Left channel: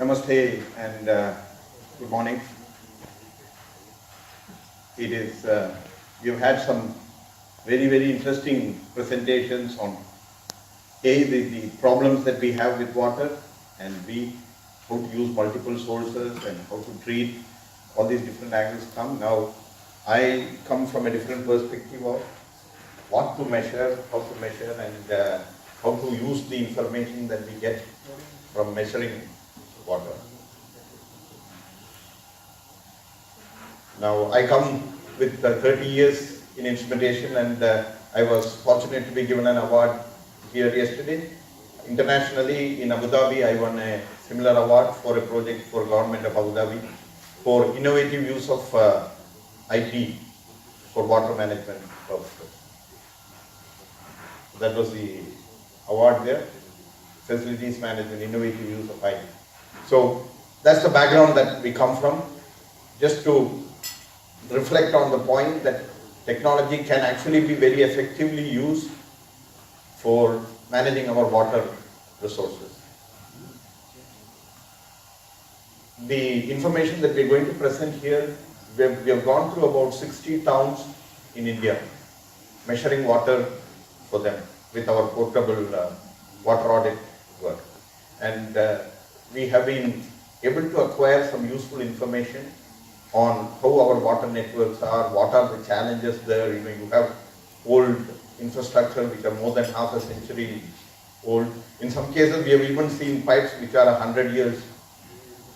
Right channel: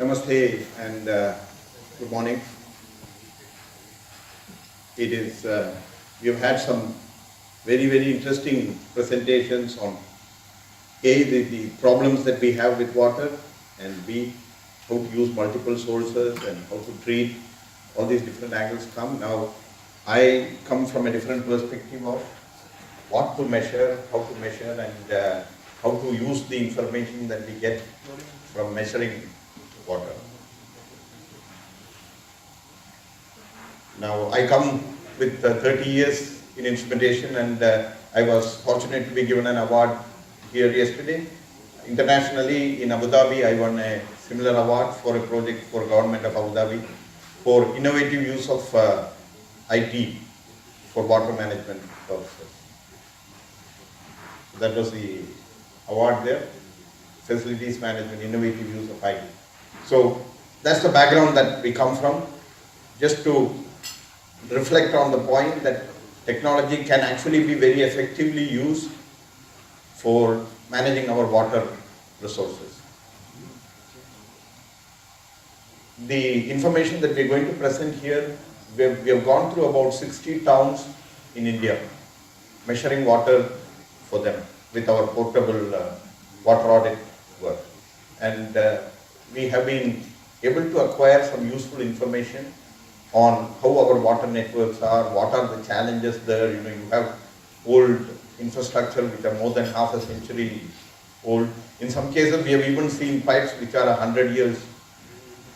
Namaste and good morning. It is, we have had some very interesting presentations on A, the problems that we have with water, and B, how to use multiple sources and how to treat. All these different angles come. Now, I come from a different perspective of what to measure, and how to use the information that we get from measuring water. Now, I come with 30 years in instrumentation, and I was fortunate to be given an award here yesterday. Internationally, in Abu Dhabi, I won a similar award for a project for government of Abu Dhabi for innovative use of IT for water management purposes. That was the award there, facilities management, innovative use of IT. So that's the background that we come from, just to reflect on the point that technology can actually be very effectively used for managing our water resources. The information that we're going to present here, we have gone through about 60 towns in India, measuring water for them with our portable water audit work. And we have been able to acquire some useful information on how our water networks are, what are the challenges there. You have old infrastructure which are more than half a century old. In some cases, we have even seen pipes which are 100 years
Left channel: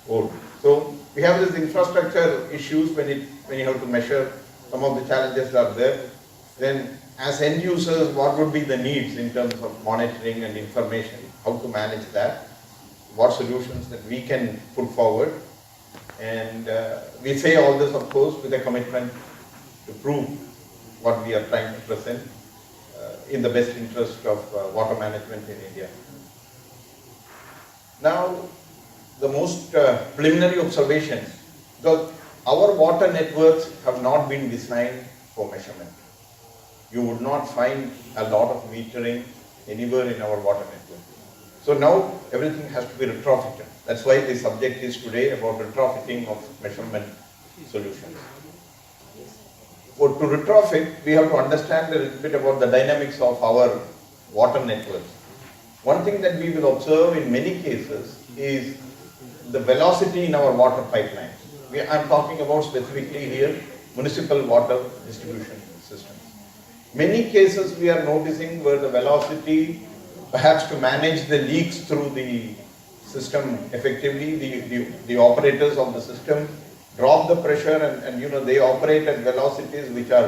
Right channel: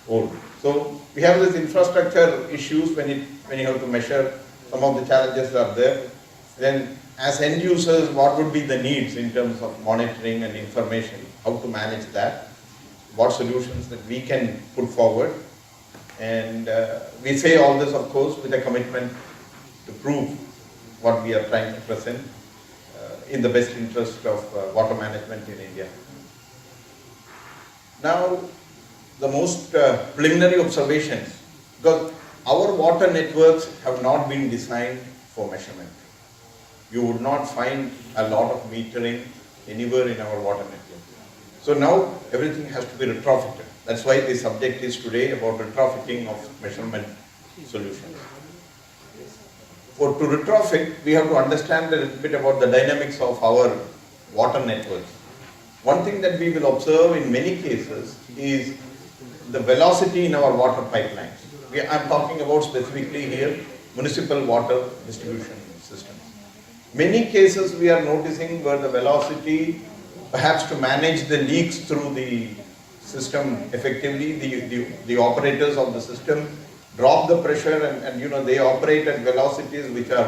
old. So we have these infrastructure issues when you have to measure. Some of the challenges are there. Then, as end users, what would be the needs in terms of monitoring and information? How to manage that? What solutions that we can put forward? And we say all this, of course, with a commitment to prove what we are trying to present in the best interest of water management in India. Now, the most preliminary observations, because our water networks have not been designed for measurement. You would not find a lot of metering anywhere in our water network. So now everything has to be retrofitted. That's why the subject is today about retrofitting of measurement solutions. To retrofit, we have to understand a little bit about the dynamics of our water networks. One thing that we will observe in many cases is the velocity in our water pipelines. I'm talking about specifically here municipal water distribution systems. Many cases we are noticing where the velocity, perhaps to manage the leaks through the system effectively, the operators of the system drop the pressure and they operate at velocities which are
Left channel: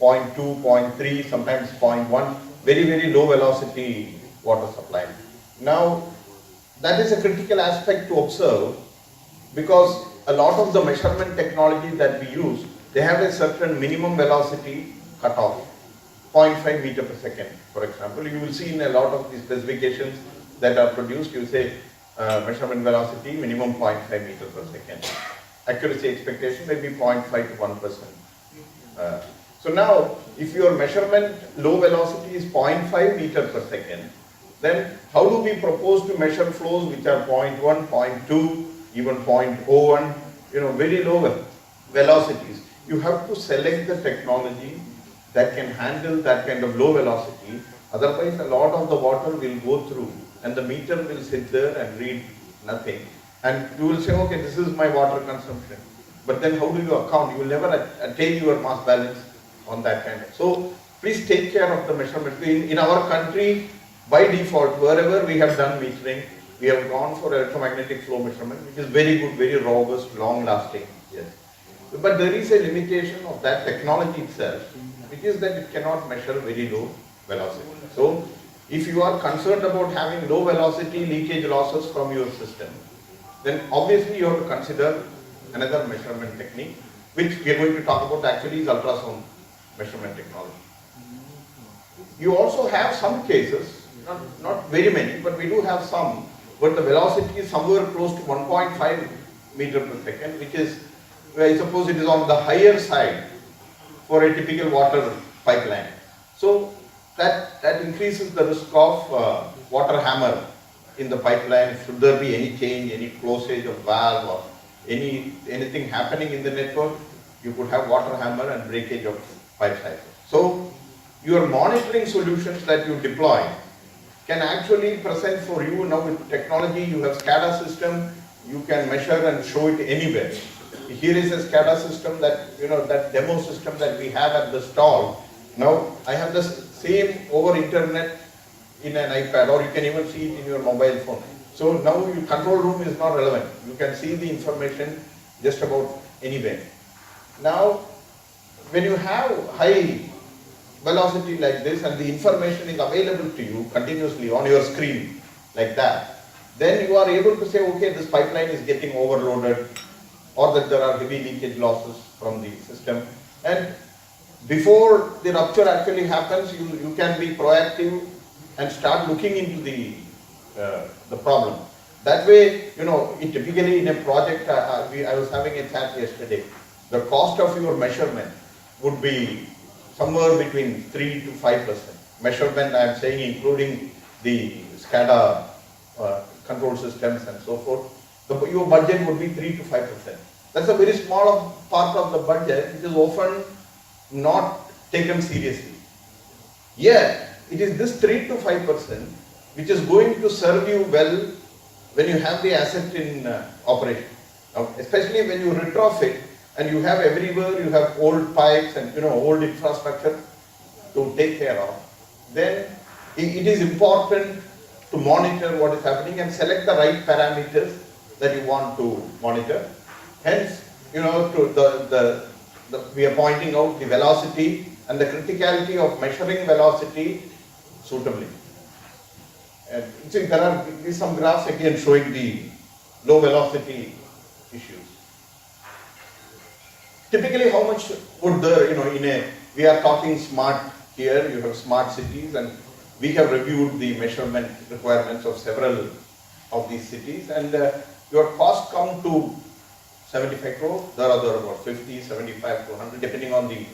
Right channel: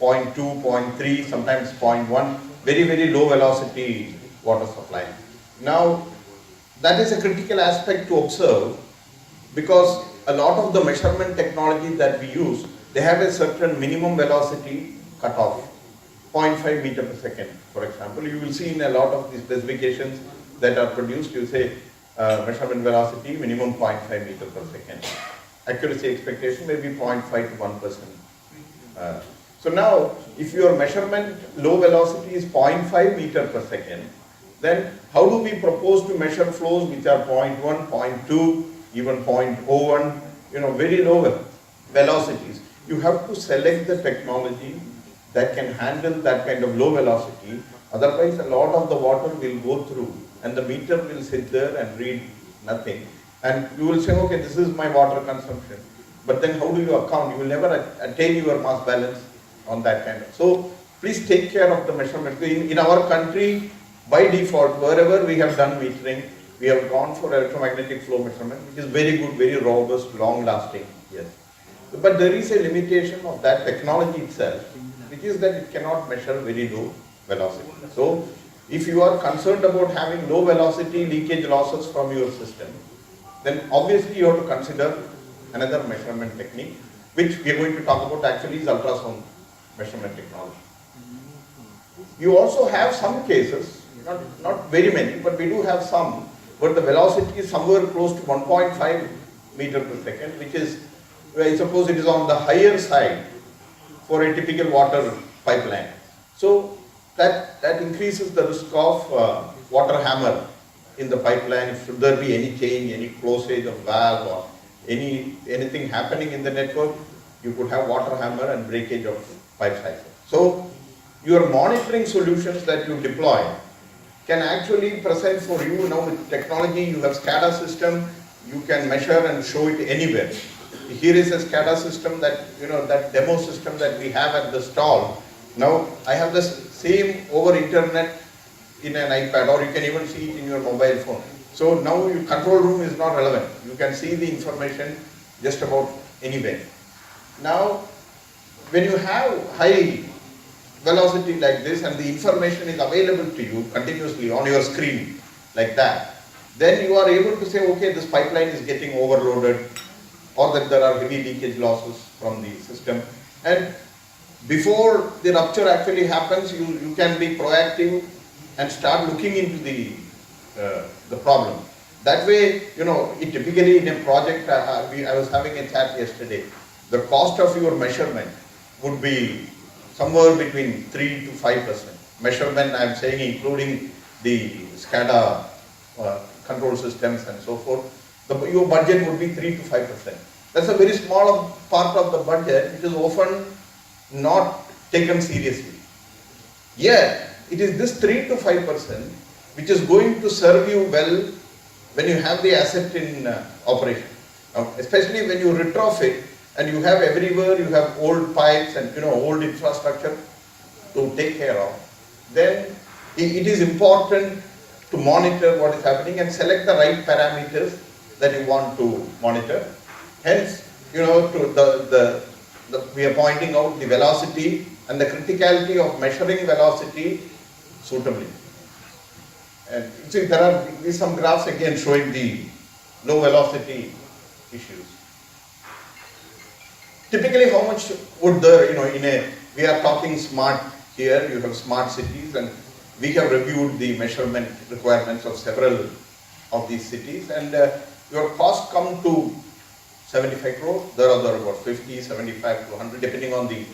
0.2, 0.3, sometimes 0.1, very low velocity water supply. Now, that is a critical aspect to observe, because a lot of the measurement technology that we use, they have a certain minimum velocity cutoff, 0.5 meter per second, for example. You will see in a lot of these specifications that are produced, you say measurement velocity minimum 0.5 meter per second. Accuracy expectation may be 0.5 to 1%. So now, if your measurement low velocity is 0.5 meter per second, then how do we propose to measure flows which are 0.1, 0.2, even 0.01, very low velocities? You have to select the technology that can handle that kind of low velocity. Otherwise, a lot of the water will go through and the meter will sit there and read nothing. And you will say, okay, this is my water consumption. But then how do you account? You will never attain your mass balance on that kind of. So please take care of the measurement. In our country, by default, wherever we have done metering, we have gone for electromagnetic flow measurement, which is very good, very robust, long-lasting. Yes. But there is a limitation of that technology itself, which is that it cannot measure very low velocity. So, if you are concerned about having low velocity leakage losses from your system, then obviously you have to consider another measurement technique, which we are going to talk about actually is ultrasound measurement technology. You also have some cases, not very many, but we do have some, where the velocity is somewhere close to 1.5 meter per second, which is, I suppose it is on the higher side for a typical water pipeline. So that increases the risk of water hammer in the pipeline, should there be any change, any closage of valve or anything happening in the network, you could have water hammer and breakage of pipe cycle. So your monitoring solutions that you deploy can actually present for you now with technology. You have SCADA system, you can measure and show it anywhere. Here is a SCADA system that, that demo system that we have at the stall. Now I have the same over internet in an iPad, or you can even see it in your mobile phone. So now your control room is not relevant. You can see the information just about anywhere. Now, when you have high velocity like this and the information is available to you continuously on your screen like that, then you are able to say, okay, this pipeline is getting overloaded, or that there are heavy leakage losses from the system. And before the rupture actually happens, you can be proactive and start looking into the problem. That way, it typically in a project, I was having a chat yesterday, the cost of your measurement would be somewhere between 3 to 5%. Measurement, I am saying, including the SCADA control systems and so forth. Your budget would be 3 to 5%. That's a very small part of the budget, which is often not taken seriously. Yet, it is this 3 to 5% which is going to serve you well when you have the asset in operation. Especially when you retrofit and you have everywhere, you have old pipes and old infrastructure to take care of, then it is important to monitor what is happening and select the right parameters that you want to monitor. Hence, we are pointing out the velocity and the criticality of measuring velocity suitably. And see, there are some graphs again showing the low velocity issues. Typically, how much would there, we are talking smart here, you have smart cities, and we have reviewed the measurement requirements of several of these cities, and your cost come to 75 crore, there are about 50, 75 to 100, depending on the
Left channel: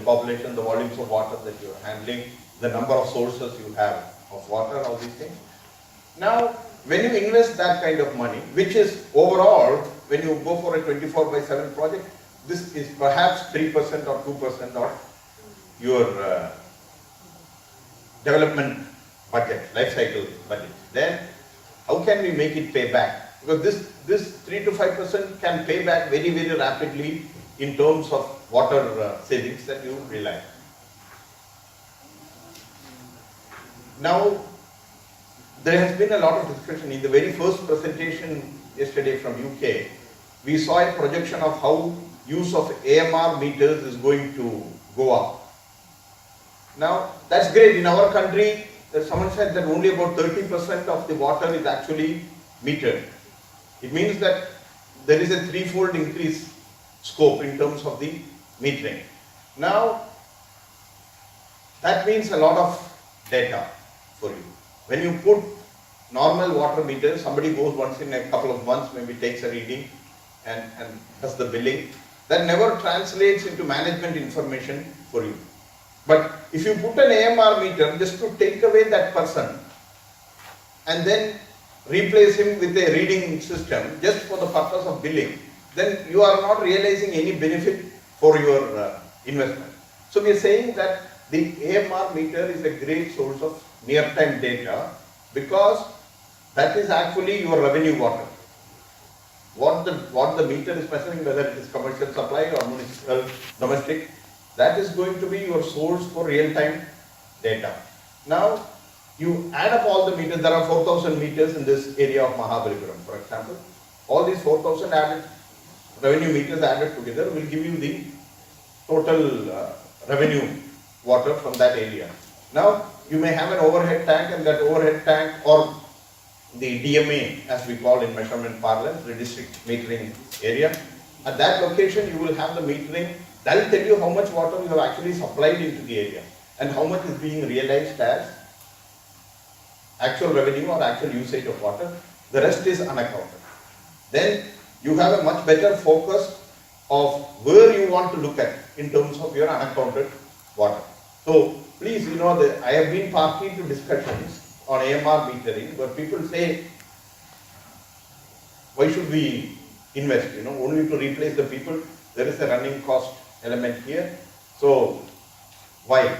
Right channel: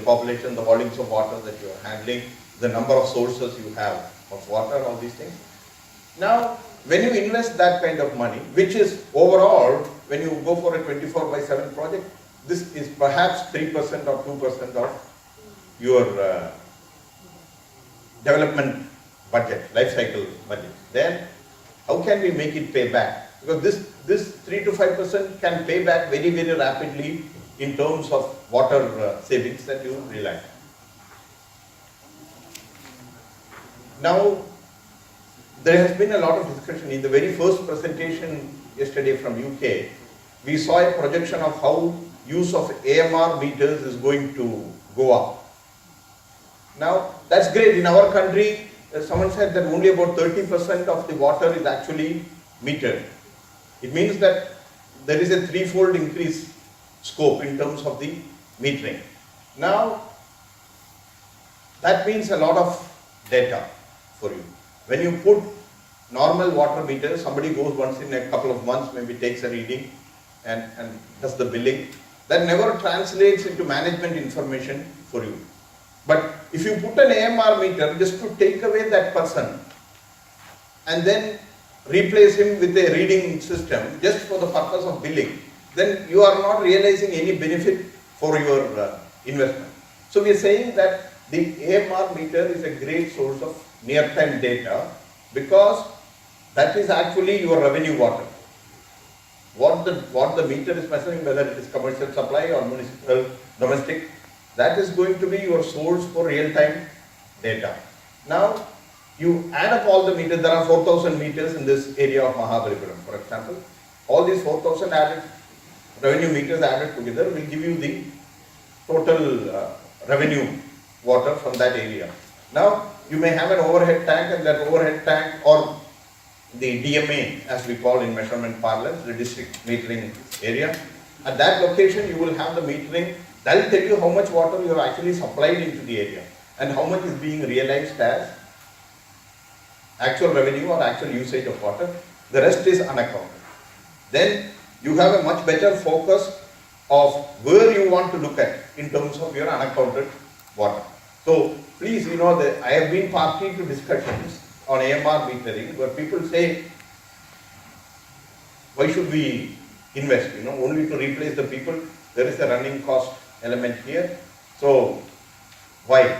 population, the volumes of water that you are handling, the number of sources you have of water, all these things. Now, when you invest that kind of money, which is overall, when you go for a 24/7 project, this is perhaps 3% or 2% of your development budget, life cycle budget. Then, how can we make it pay back? Because this 3 to 5% can pay back very, very rapidly in terms of water savings that you realize. Now, there has been a lot of discussion. In the very first presentation yesterday from UK, we saw a projection of how use of AMR meters is going to go up. Now, that's great. In our country, someone said that only about 30% of the water is actually metered. It means that there is a threefold increase scope in terms of the metering. Now, that means a lot of data for you. When you put normal water meters, somebody goes once in a couple of months, maybe takes a reading and does the billing. That never translates into management information for you. But if you put an AMR meter just to take away that person and then replace him with a reading system just for the purpose of billing, then you are not realizing any benefit for your investment. So we are saying that the AMR meter is a great source of near-time data because that is actually your revenue water. What the meter is measuring, whether it is commercial supply or municipal, domestic, that is going to be your source for real-time data. Now, you add up all the meters, there are 4,000 meters in this area of Mahabalipuram, for example. All these 4,000 added revenue meters added together will give you the total revenue water from that area. Now, you may have an overhead tank, and that overhead tank, or the DMA, as we call in measurement parlance, the district metering area. At that location, you will have the metering. That will tell you how much water you have actually supplied into the area and how much is being realized as actual revenue or actual usage of water. The rest is unaccounted. Then you have a much better focus of where you want to look at in terms of your unaccounted water. So please, I have been party to discussions on AMR metering where people say why should we invest? Only to replace the people. There is a running cost element here. So why?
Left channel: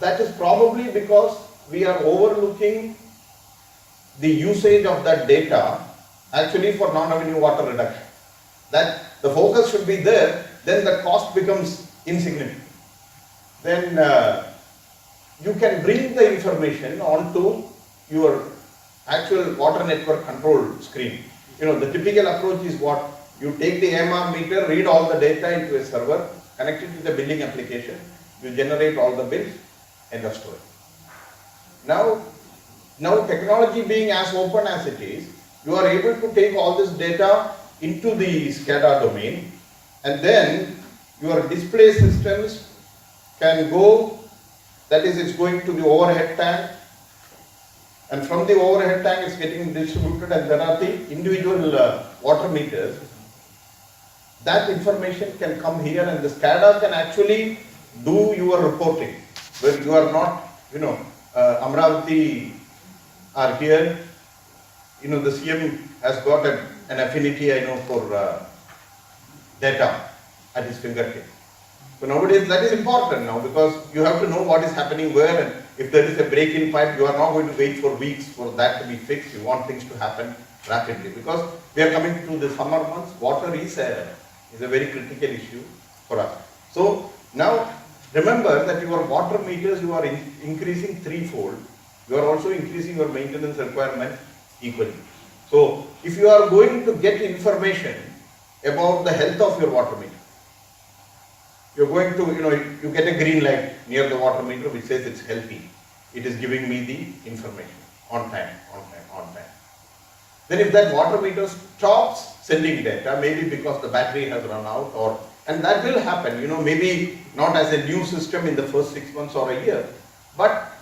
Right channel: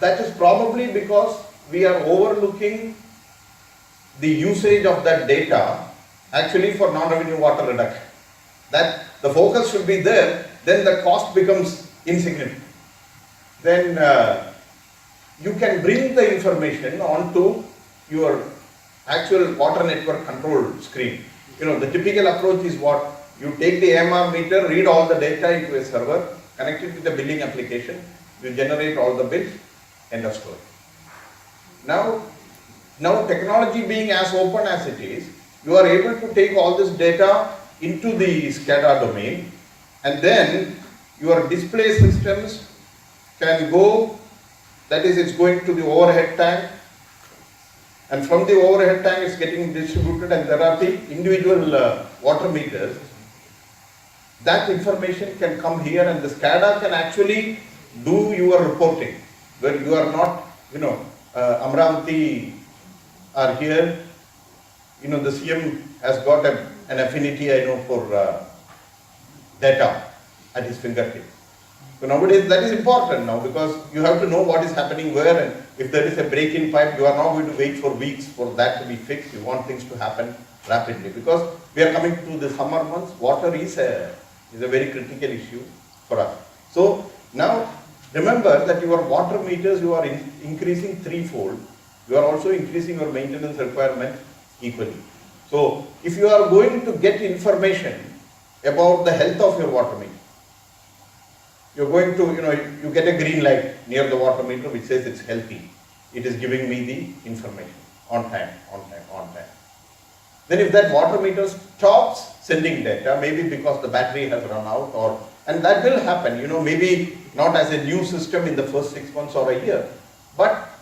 That is probably because we are overlooking the usage of that data actually for non-revenue water reduction. That the focus should be there, then the cost becomes insignificant. Then you can bring the information onto your actual water network control screen. The typical approach is what? You take the AMR meter, read all the data into a server, connect it with the billing application, you generate all the bills, end of story. Now technology being as open as it is, you are able to take all this data into the SCADA domain, and then your display systems can go, that is, it's going to the overhead tank, and from the overhead tank it's getting distributed, and there are the individual water meters. That information can come here, and the SCADA can actually do your reporting, where you are not, Amravati are here, the CM has got an affinity, for data at his fingertips. So nowadays that is important now, because you have to know what is happening where, and if there is a break in pipe, you are not going to wait for weeks for that to be fixed. You want things to happen rapidly, because we are coming to the summer months. Water is a very critical issue for us. So now remember that your water meters, you are increasing threefold. You are also increasing your maintenance requirement equally. So if you are going to get information about the health of your water meter, you are going to, you get a green light near the water meter which says it's healthy. It is giving me the information on time. Then if that water meter stops sending data, maybe because the battery has run out, and that will happen, maybe not as a new system in the first 6 months or a year, but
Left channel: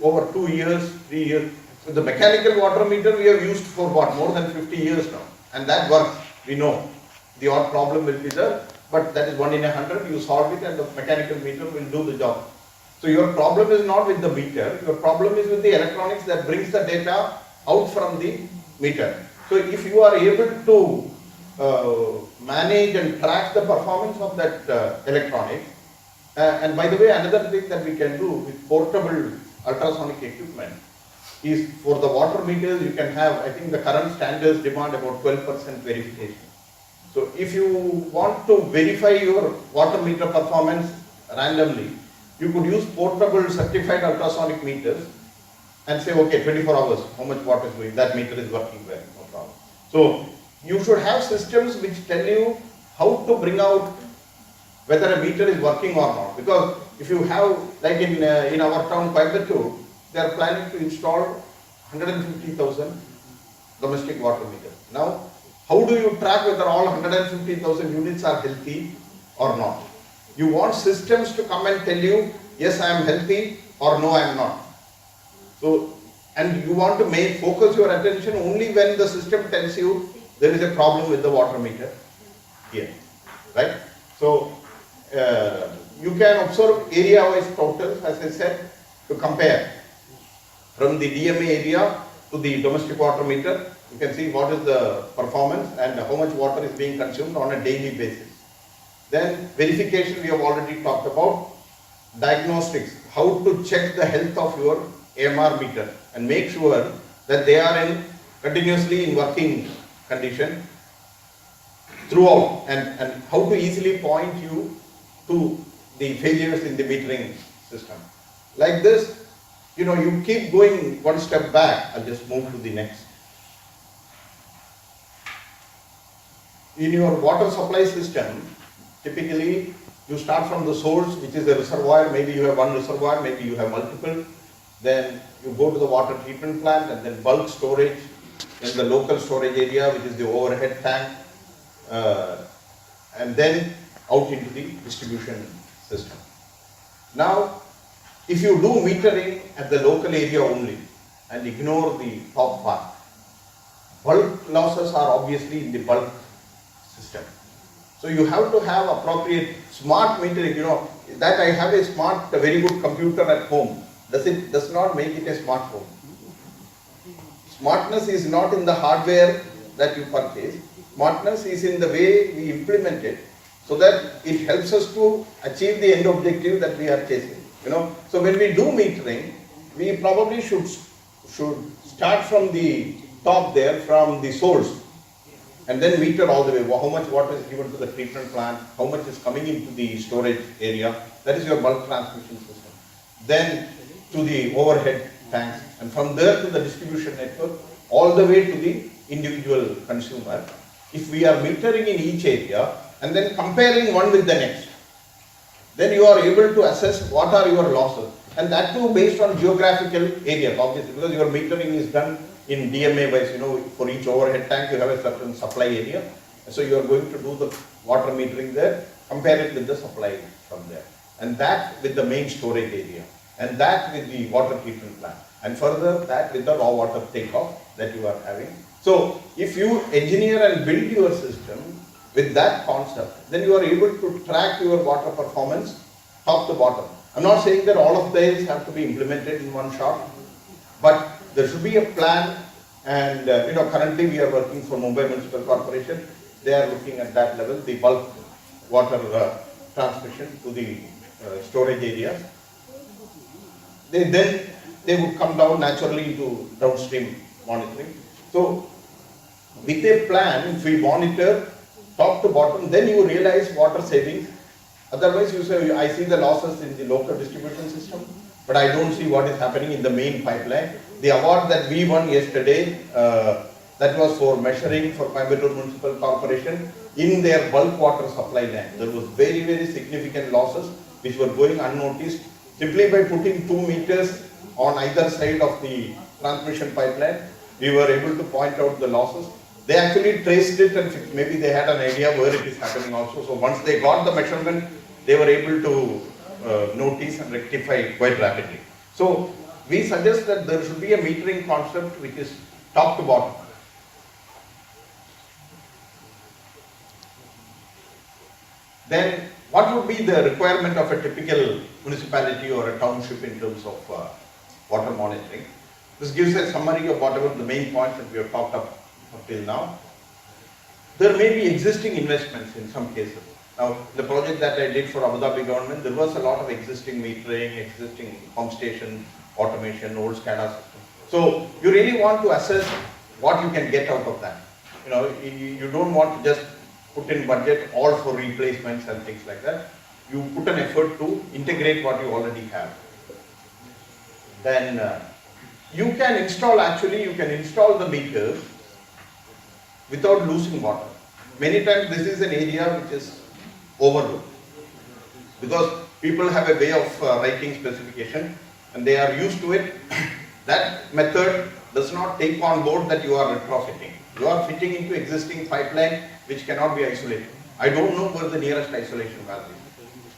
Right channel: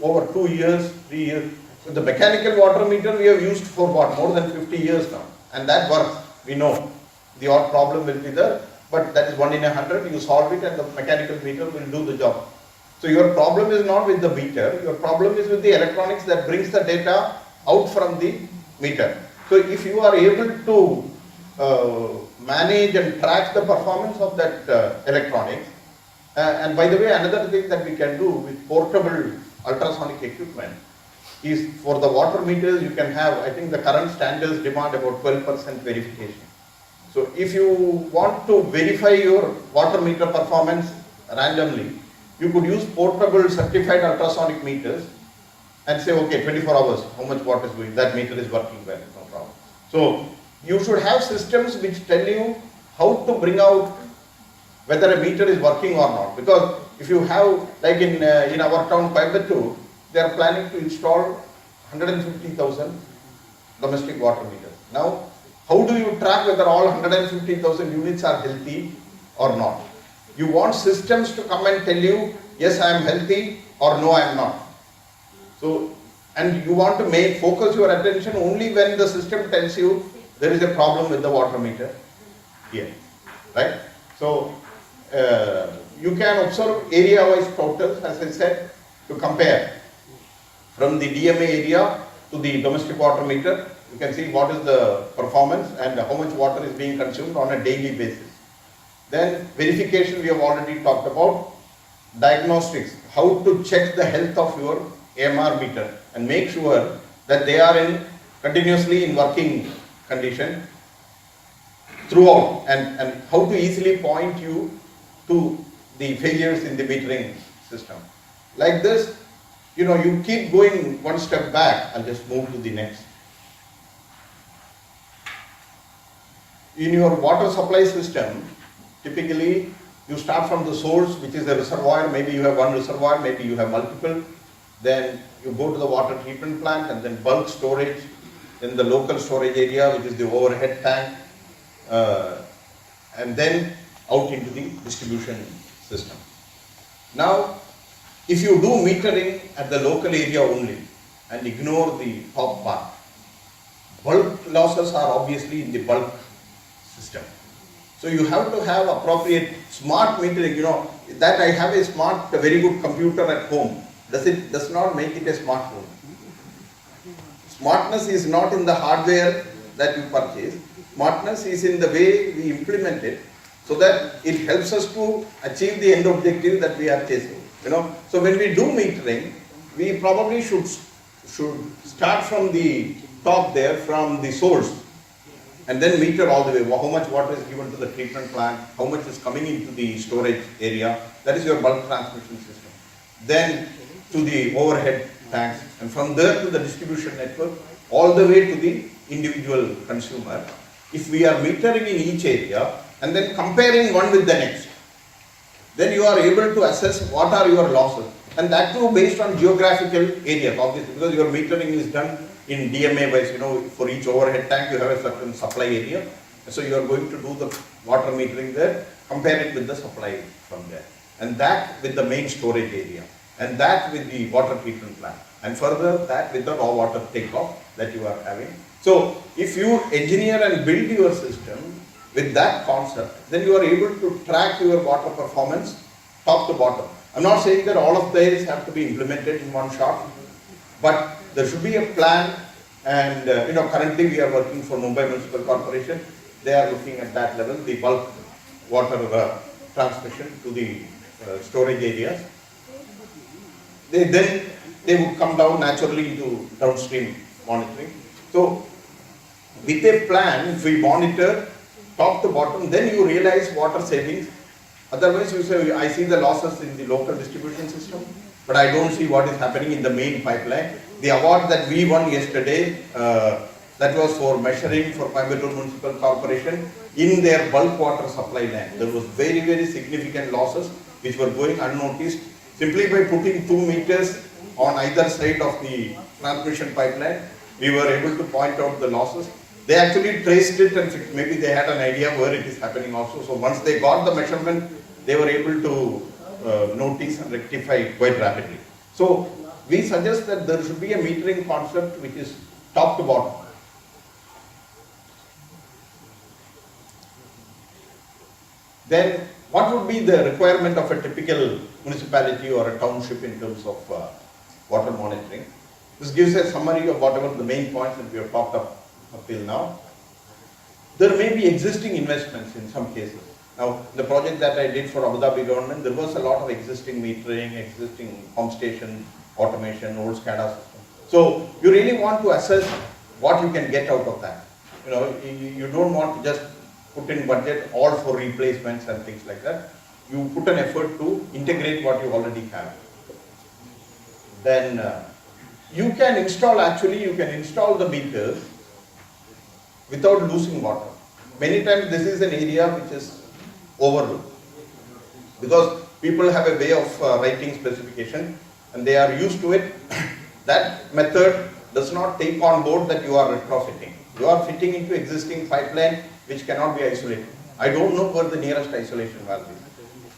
over 2 years, 3 years. So the mechanical water meter we have used for more than 50 years now, and that works. We know the odd problem will be there, but that is 1 in 100. You solve it, and the mechanical meter will do the job. So your problem is not with the meter. Your problem is with the electronics that brings the data out from the meter. So if you are able to manage and track the performance of that electronics, and by the way, another thing that we can do with portable ultrasonic equipment is, for the water meters you can have, I think the current standards demand about 12% verification. So if you want to verify your water meter performance randomly, you could use portable certified ultrasonic meters and say, okay, 24 hours, how much water is going, that meter is working well, no problem. So you should have systems which tell you how to bring out whether a meter is working or not. Because if you have, like in our town, Coimbatore, they are planning to install 150,000 domestic water meters. Now, how do you track whether all 150,000 units are healthy or not? You want systems to come and tell you, yes, I am healthy, or no, I am not. So, and you want to focus your attention only when the system tells you there is a problem with the water meter here, right? So, you can observe area-wise totals, as I said, to compare from the DMA area to the domestic water meter. You can see what is the performance and how much water is being consumed on a daily basis. Then verification we have already talked about. Diagnostics, how to check the health of your AMR meter and make sure that they are continuously in working condition throughout, and how to easily point you to the failures in the metering system. Like this, you keep going one step back. I'll just move to the next. In your water supply system, typically you start from the source, which is the reservoir. Maybe you have one reservoir, maybe you have multiple. Then you go to the water treatment plant, and then bulk storage, then the local storage area, which is the overhead tank, and then out into the distribution system. Now, if you do metering at the local area only and ignore the top bar, bulk losses are obviously in the bulk system. So you have to have appropriate smart metering. That I have a very good computer at home does not make it a smart home. Smartness is not in the hardware that you purchase. Smartness is in the way we implement it, so that it helps us to achieve the end objective that we are chasing. So when we do metering, we probably should start from the top there, from the source, and then meter all the way. How much water is given to the treatment plant, how much is coming into the storage area, that is your bulk transmission system. Then to the overhead tanks, and from there to the distribution network, all the way to the individual consumer. If we are metering in each area and then comparing one with the next, then you are able to assess what are your losses, and that too based on geographical area, obviously, because your metering is done in DMA wise. For each overhead tank you have a certain supply area, so you are going to do the water metering there, compare it with the supply from there, and that with the main storage area, and that with the water treatment plant, and further that with the raw water takeoff that you are having. So if you engineer and build your system with that concept, then you are able to track your water performance top to bottom. I'm not saying that all of these have to be implemented in one shot, but there should be a plan. And currently we are working for Mumbai Municipal Corporation. They are looking at that level, the bulk water transmission to the storage areas. Then they would come down naturally into downstream monitoring. So with a plan, if we monitor top to bottom, then you realize water savings. Otherwise you say, I see the losses in the local distribution system, but I don't see what is happening in the main pipeline. The award that we won yesterday, that was for measuring for Kancheepuram Municipal Corporation in their bulk water supply line. There was very, very significant losses which were going unnoticed. Simply by putting 2 meters on either side of the transmission pipeline, we were able to point out the losses. They actually traced it and fixed. Maybe they had an idea where it is happening also. So once they got the measurement, they were able to notice and rectify quite rapidly. So we suggest that there should be a metering concept which is top to bottom. Then what would be the requirement of a typical municipality or a township in terms of water monitoring? This gives a summary of whatever the main points that we have talked up till now. There may be existing investments in some cases. Now, the project that I did for Abu Dhabi government, there was a lot of existing metering, existing pump station, automation, old SCADA system. So you really want to assess what you can get out of that. You don't want to just put in budget all for replacements and things like that. You put an effort to integrate what you already have. Then you can install the meters without losing water. Many times this is an area which is overlooked, because people have a way of writing specification and they are used to it. That method does not take on board that you are retrofitting. You are fitting into existing pipeline which cannot be isolated. I don't know where the nearest isolation valve is.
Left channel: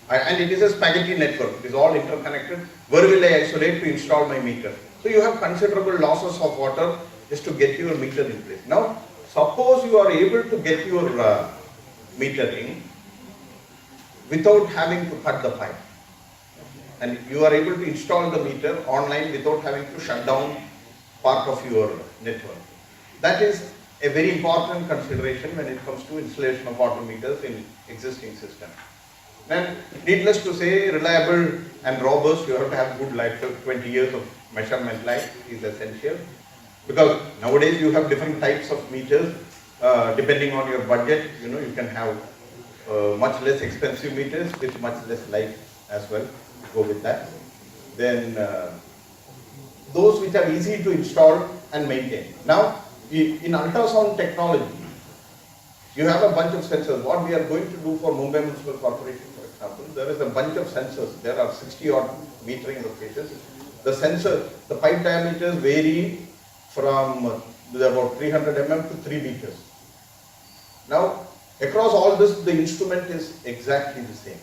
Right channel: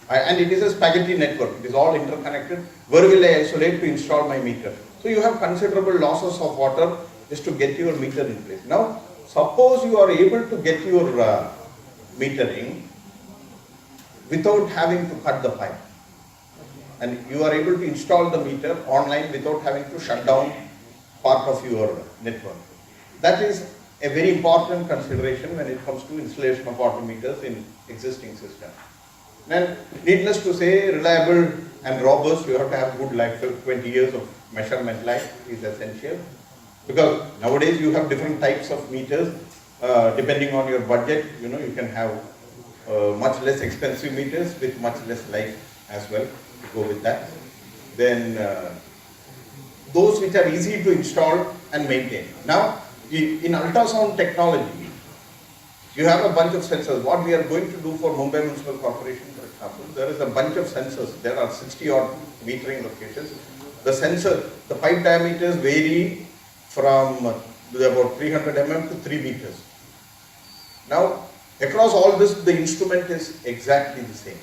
And it is a spaghetti network. It is all interconnected. Where will I isolate to install my meter? So you have considerable losses of water just to get your meter in place. Now, suppose you are able to get your metering without having to cut the pipe, and you are able to install the meter online without having to shut down part of your network. That is a very important consideration when it comes to installation of water meters in existing systems. And needless to say, reliable and robust, you have to have good life. 20 years of measurement life is essential, because nowadays you have different types of meters. Depending on your budget, you can have much less expensive meters with much less life as well to go with that. Then those which are easy to install and maintain. Now, in ultrasound technology, you have a bunch of sensors. What we are going to do for Mumbai Municipal Corporation, for example, there is a bunch of sensors. There are 60 odd metering locations. The sensor, the pipe diameters vary from about 300 mm to 3 meters. Now, across all this, the instrument is exactly the same.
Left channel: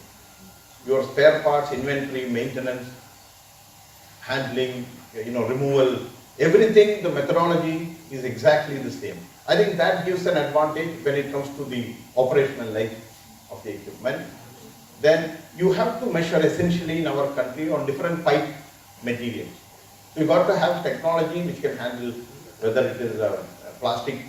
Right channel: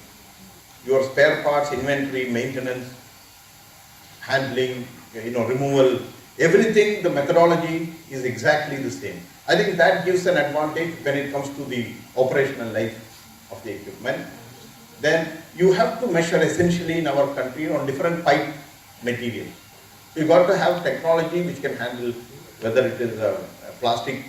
Your spare parts, inventory, maintenance, handling, removal, everything, the methodology is exactly the same. I think that gives an advantage when it comes to the operational life of the equipment. Then you have to measure essentially in our country on different pipe materials. You got to have technology which can handle whether it is a plastic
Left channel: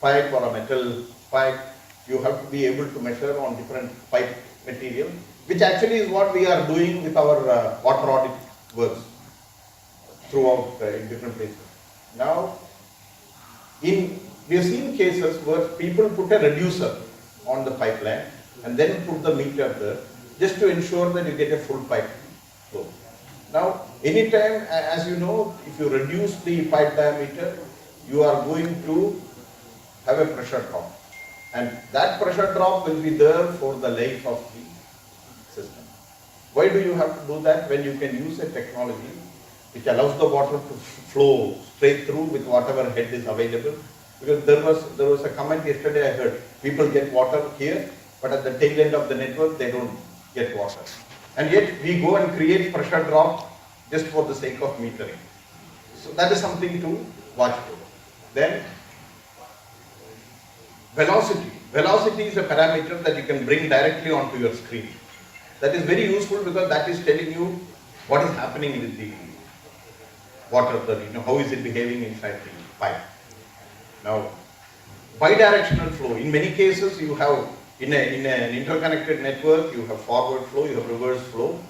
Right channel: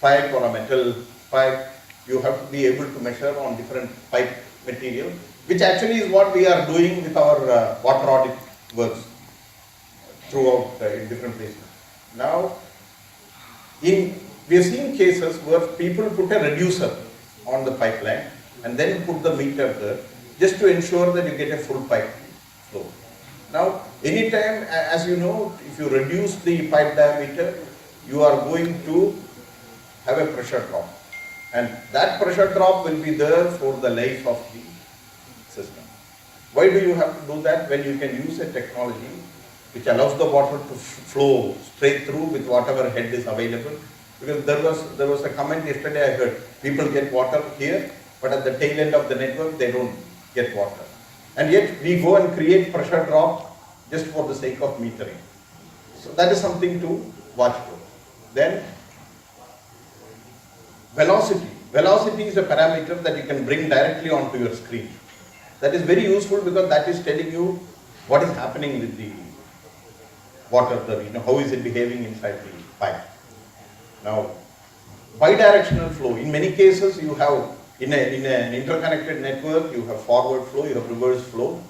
pipe or a metal pipe, you have to be able to measure on different pipe material, which actually is what we are doing with our water audit works throughout in different places. Now, we have seen cases where people put a reducer on the pipeline and then put the meter there just to ensure that you get a full pipe flow. Now, anytime, as you know, if you reduce the pipe diameter, you are going to have a pressure drop. And that pressure drop will be there for the life of the system. Why do you have to do that when you can use a technology which allows the water to flow straight through with whatever head is available? Because there was a comment yesterday I heard, people get water here, but at the tail end of the network they don't get water. And yet we go and create pressure drop just for the sake of metering. So that is something to watch for. Then velocity. Velocity is a parameter that you can bring directly onto your screen. That is very useful because that is telling you what is happening with the water, how is it behaving inside the pipe. Now, bidirectional flow. In many cases, you have in an interconnected network, you have forward flow, you have reverse flow.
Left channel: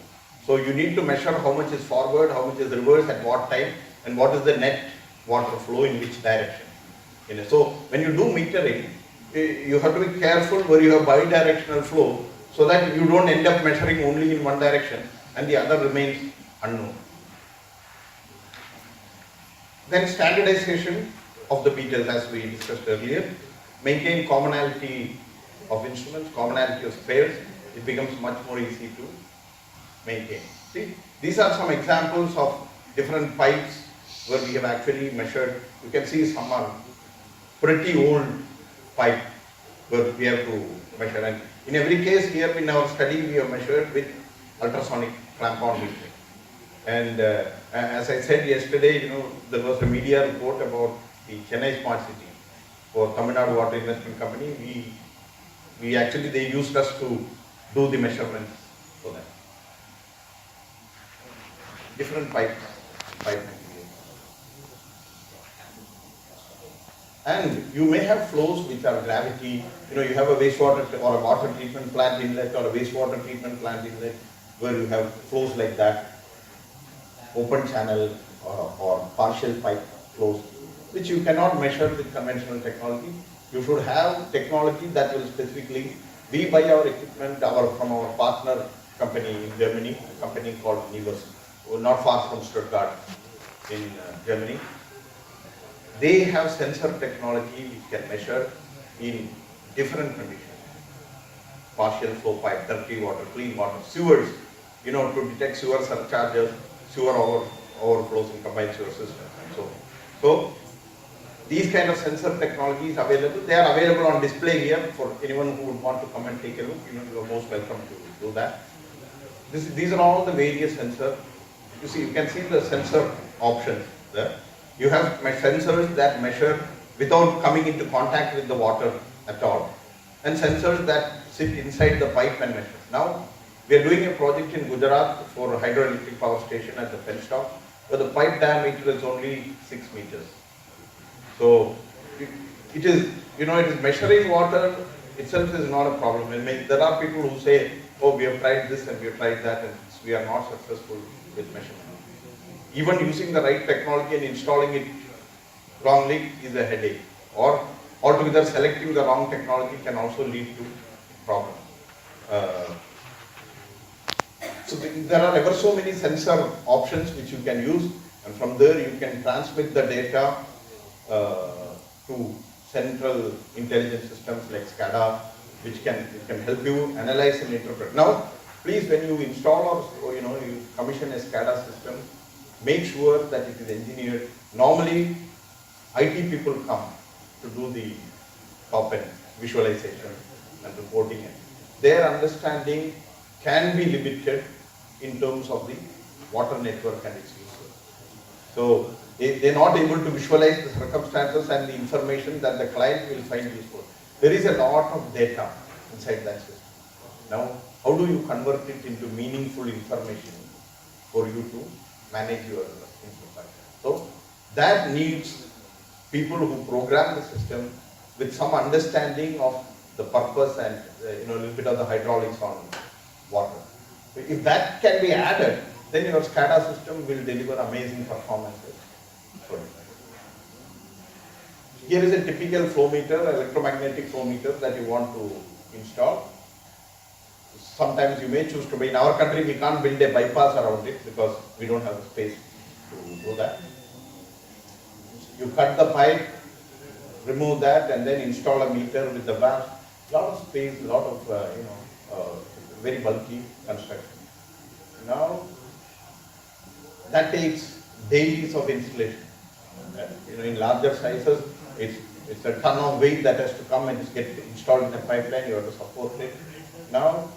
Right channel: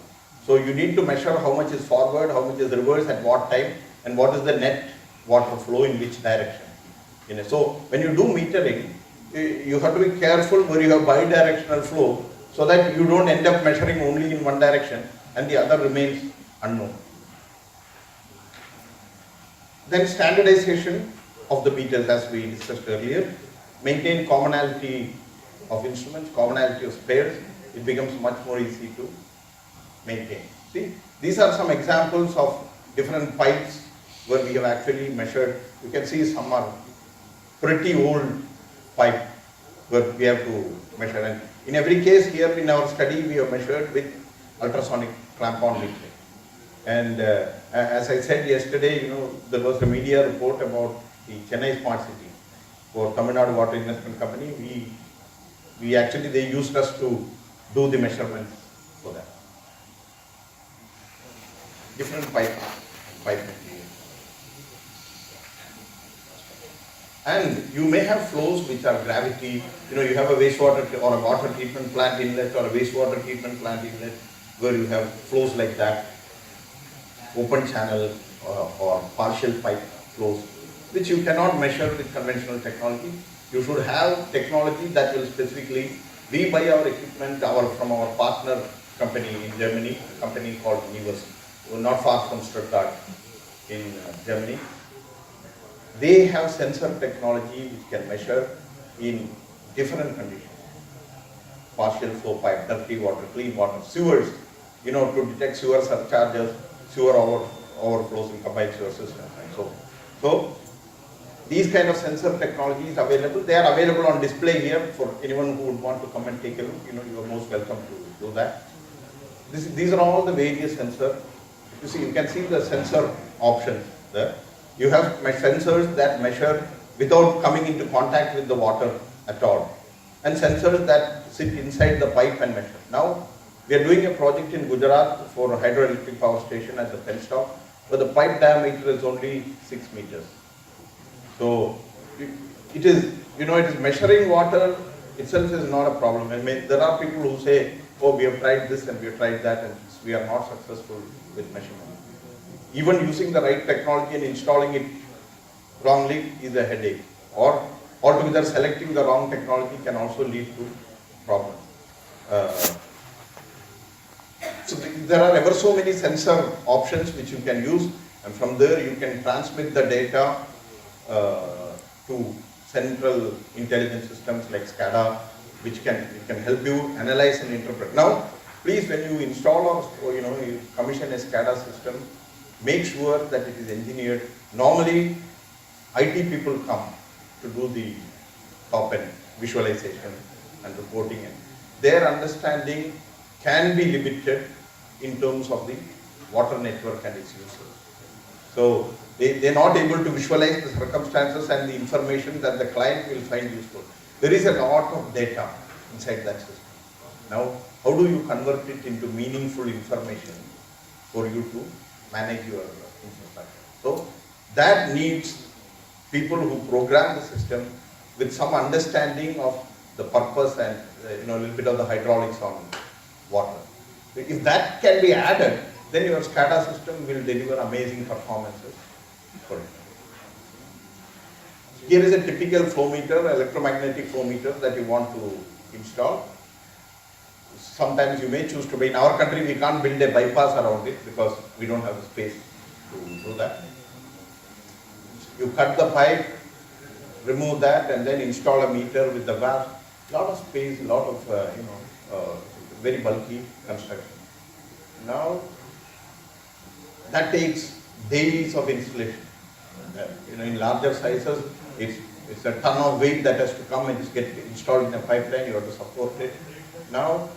So you need to measure how much is forward, how much is reverse at what time, and what is the net water flow in which direction. So when you do metering, you have to be careful where you have bidirectional flow so that you don't end up measuring only in one direction and the other remains unknown. Then standardization of the meters, as we discussed earlier. Maintain commonality of instruments, commonality of spares. It becomes much more easy to maintain. See, these are some examples of different pipes where we have actually measured. You can see some are pretty old pipe where we have to measure. And in every case here in our study, we have measured with ultrasonic clamp-on metering. And as I said yesterday, there was a media report about the Chennai Smart City for Tamil Nadu Water Investment Company. They used us to do the measurements for that. Different pipe material. And you may have flows which are gravity. You have a wastewater or a water treatment plant inlet or a wastewater treatment plant inlet where you have flows like that, open channel or partial pipe flows, which you cannot measure with conventional technology. You should have technology that will specifically, we buy our equipment from our partner company in Germany, a company called Municipal, not far from Stuttgart in Germany. They have sensor technology which can measure in different conditions. Partial flow pipe, dirty water, clean water, sewers, to detect sewer surcharges, sewer overflows in combined sewer systems. So these kind of sensor technologies available. They are available on display here for anyone who would want to come and take a look. You are most welcome to do that. These are all the various sensors. You can see the sensor options there. You have sensors that measure without coming into contact with the water at all, and sensors that sit inside the pipe and measure. Now, we are doing a project in Gujarat for a hydroelectric power station at the pen stop, where the pipe diameter is only 6 meters. So, it is measuring water itself is not a problem. There are people who say, oh, we have tried this and we have tried that, and we are not successful with measurement. Even using the right technology and installing it wrongly is a headache. Or altogether selecting the wrong technology can also lead to problems. So there are ever so many sensor options which you can use, and from there you can transmit the data to central intelligence systems like SCADA, which can help you analyze and interpret. Now, please, when you install or you commission a SCADA system, make sure that it is engineered. Normally, IT people come to do the top-end visualization and reporting. Their understanding can be limited in terms of the water network and its uses. So, they are not able to visualize the circumstances and the information that the client will find useful. There is a lot of data inside that system. Now, how do you convert it into meaningful information for you to manage your infrastructure? So that needs people who program the system, with some understanding of the purpose and a little bit of the hydraulics on water. If that can be added, then your SCADA system will deliver amazing performances. Here is a typical flow meter, electromagnetic flow meter that you want to install. Sometimes you may choose to be, in our country we can't build a bypass around it because we don't have the space to do that. You cut the pipe, remove that and then install a meter with the valve. Lot of space, lot of very bulky construction. Now that takes days of installation. In larger sizes, it's a ton of weight that has to come and just get installed in a pipeline. You have to support it. Now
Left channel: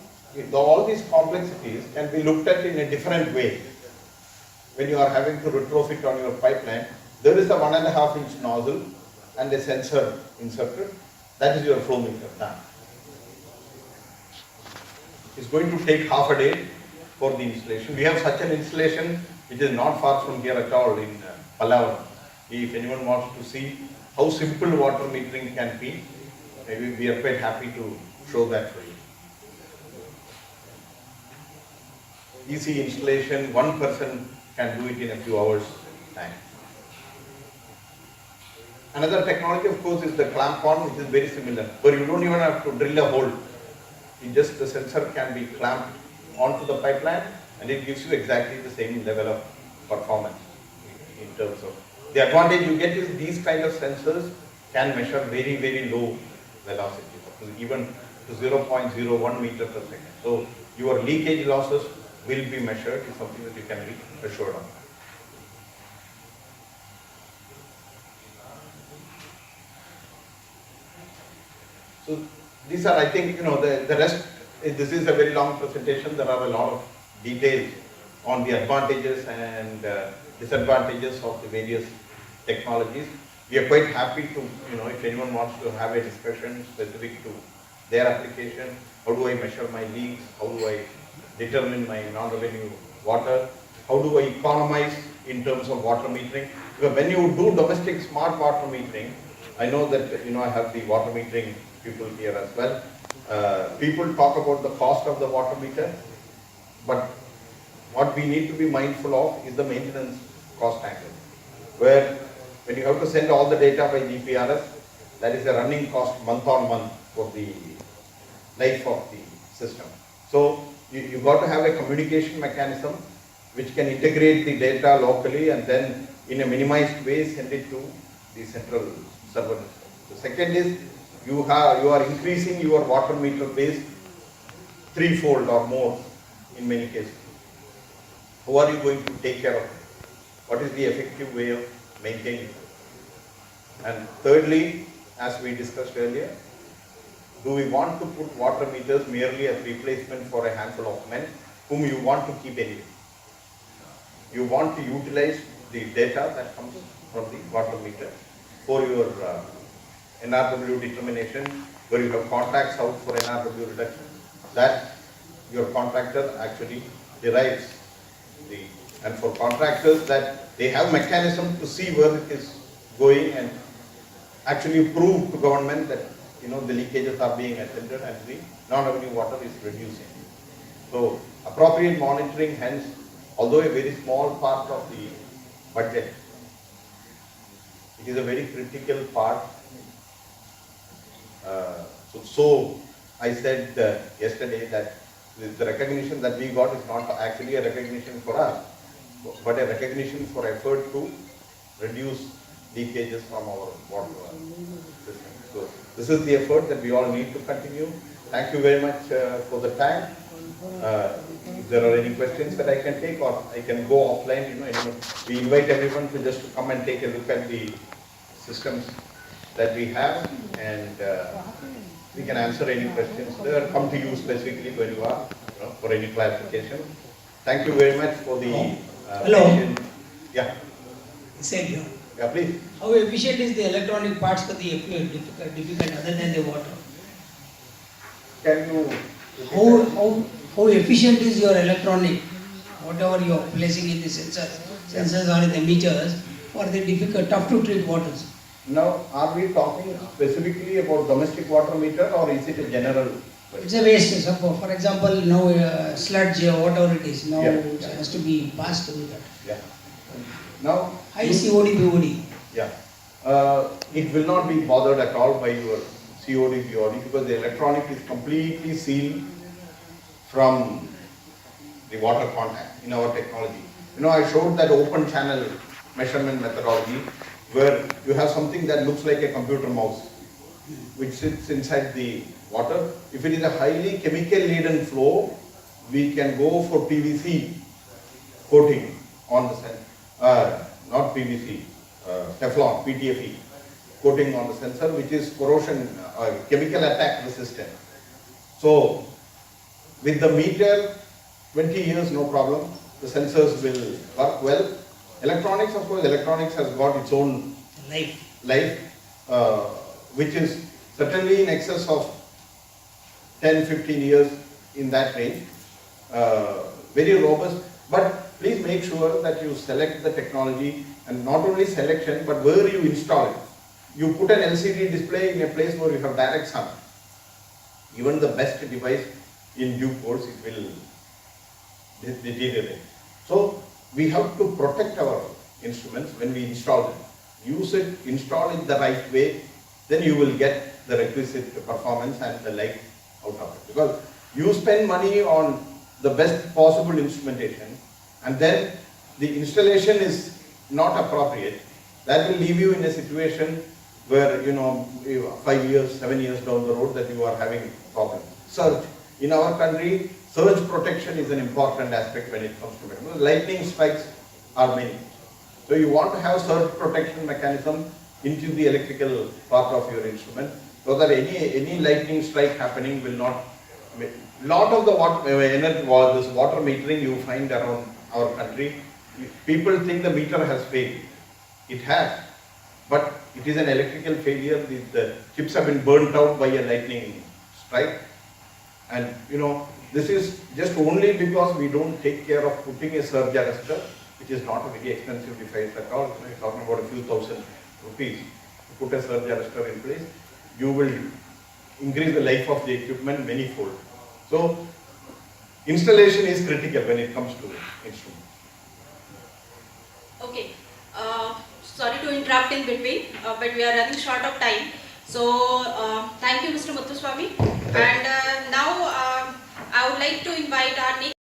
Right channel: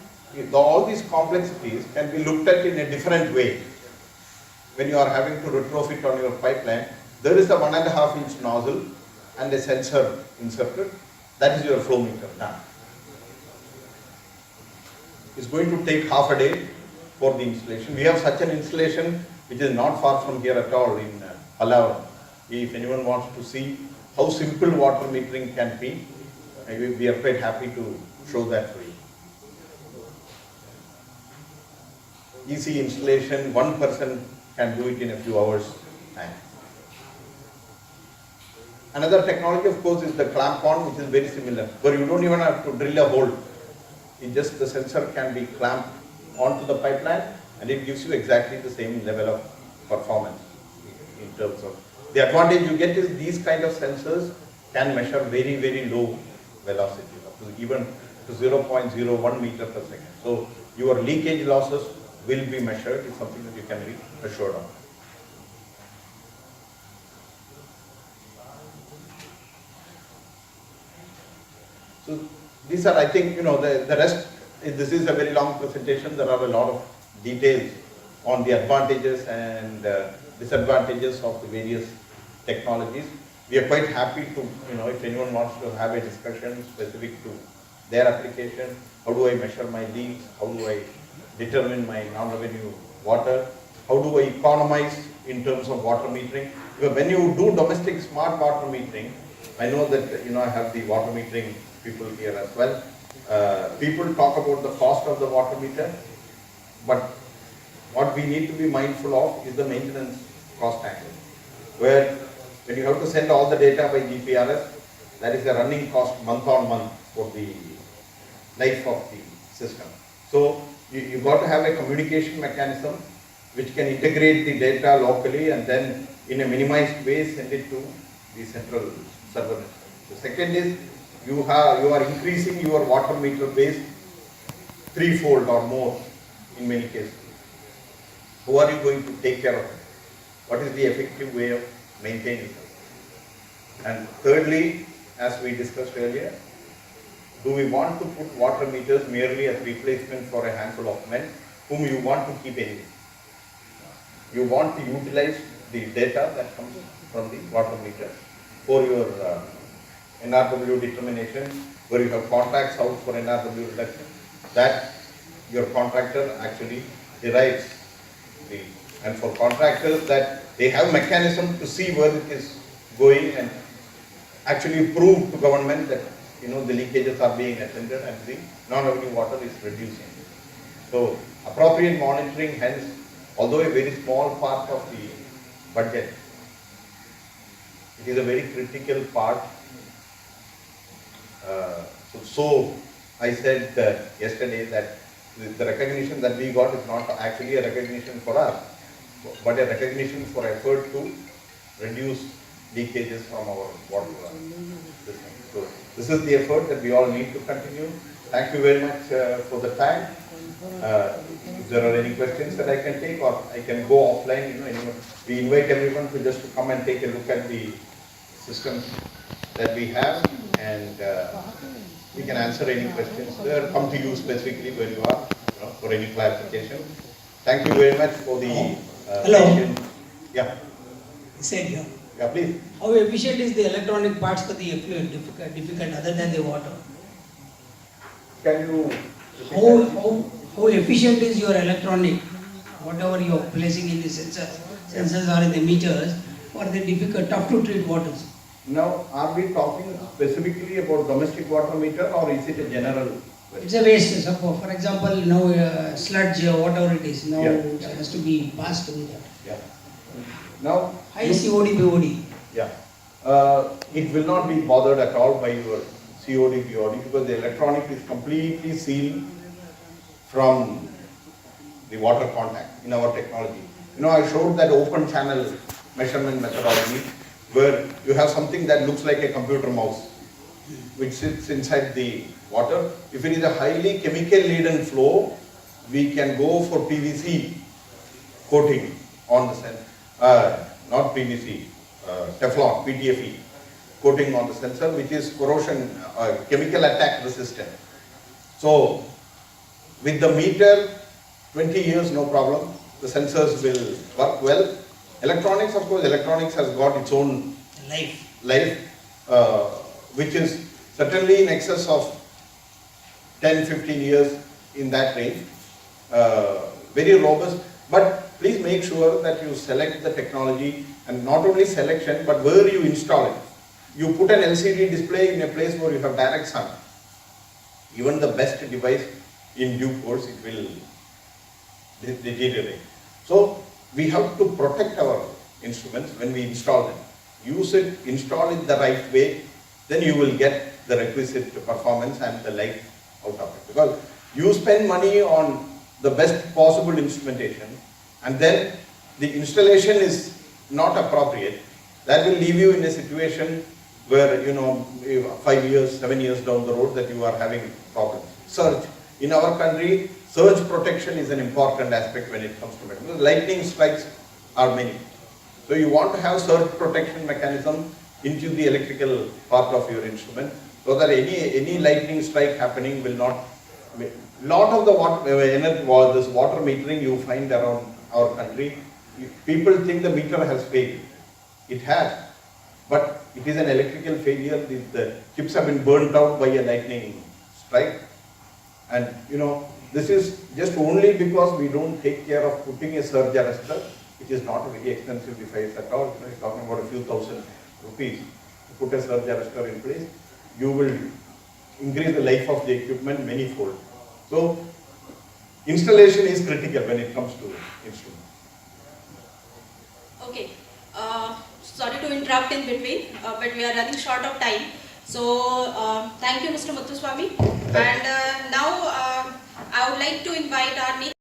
all these complexities can be looked at in a different way. When you are having to retrofit on your pipeline, there is a 1.5 inch nozzle and a sensor inserted. That is your flow meter done. It's going to take half a day for the installation. We have such an installation which is not far from here at all in Pallavaram. If anyone wants to see how simple water metering can be, we are quite happy to show that for you. Easy installation, one person can do it in a few hours time. Another technology, of course, is the clamp on, which is very similar, where you don't even have to drill a hole. The sensor can be clamped onto the pipeline and it gives you exactly the same level of performance in terms of. The advantage you get is these kind of sensors can measure very, very low velocities, even to 0.01 meter per second. So your leakage losses will be measured, is something that you can be assured of. So these are, I think, the rest, this is a very long presentation. There are a lot of details on the advantages and disadvantages of the various technologies. We are quite happy to, if anyone wants to have a discussion specific to their application, how do I measure my leaks, how do I determine my non-revenue water, how do I economize in terms of water metering. Because when you do domestic smart water metering, I know that, I have the water metering people here as well. People talk about the cost of the water meter, but what we need to be mindful of is the maintenance cost angle, where when you have to send all the data by GPRS, that is a running cost month on month for the life of the system. So you got to have a communication mechanism which can integrate the data locally and then in a minimized way send it to the central server network. The second is you are increasing your water meter base threefold or more in many cases. Who are you going to take care of it? What is the effective way of maintaining it? And thirdly, as we discussed earlier, do we want to put water meters merely as replacement for a handful of men whom you want to keep anyway? You want to utilize the data that comes from the water meter for your NRW determination, where you have contracts out for NRW reduction, that your contractor actually derives the, and for contractors that they have mechanism to see where it is going and actually prove to government that the leakages are being attended and the non-revenue water is reducing. So appropriate monitoring, hence, although a very small part of the budget, it is a very critical part. So I said yesterday that the recognition that we got is not actually a recognition for us, but a recognition for effort to reduce leakages from our water system. So this is the effort that we all need to continue. Thank you very much for the time. If there are any questions that I can take, or I can go offline, we invite everyone to just to come and take a look at the systems that we have, and we can answer any questions. Come to you specifically where you are, for any clarification. Thank you very much for the Hello. patient. Yeah. Said here. Yeah, please. How efficient is the electronic parts for the effluent difficult other than the water? Can you? How efficient is your electronic, whatever you are placing in the sensors or in the meters for the difficult, tough to treat waters? Now, are we talking specifically about domestic water meter or is it a general It's question? a waste. So for example, now sludge, whatever it is, now Yeah. it has to be passed to that. Yeah. Now, High COD, BOD. yeah, it will not be bothered at all by your COD, BOD because the electronic is completely sealed from the water contact in our technology. You know, I showed that open channel measurement methodology where you have something that looks like a computer mouse which sits inside the water. If it is a highly chemical laden flow, we can go for PVC coating on the sensor, not PVC, Teflon, PTFE coating on the sensor, which is corrosion, chemical attack resistant. So with the meter, 20 years, no problem. The sensors will work well. Electronics, of course, electronics has got its own life, which is certainly in excess of 10, 15 years in that range. Very robust, but please make sure that you select the technology and not only selection, but where you install it. You put an LCD display in a place where you have direct sun. Even the best device in due course, it will deteriorate. So we have to protect our instruments when we install them. Use it, install it the right way, then you will get the requisite performance and the life out of it. Because you spend money on the best possible instrumentation and then the installation is not appropriate, that will leave you in a situation where, 5 years, 7 years down the road that you are having problems. Surge. In our country, surge protection is an important aspect when it comes to metal. Lightning strikes are many. So you want to have surge protection mechanism into the electrical part of your instrument so that any lightning strike happening will not. Lot of the this water metering you find around our country, people think the meter has failed. It has, but it is an electrical failure. The chips have been burnt out by a lightning strike. And this is just only because we don't take care of putting a surge arrestor, which is not a very expensive device at all. You're talking about a few thousand rupees to put a surge arrestor in place. You will increase the life of the equipment many-fold. So installation is critical when it comes to instruments. Okay. Sorry to interrupt in between, but we are running short of time. So thank you, Mr. Muthuswamy. And now I would like to invite our next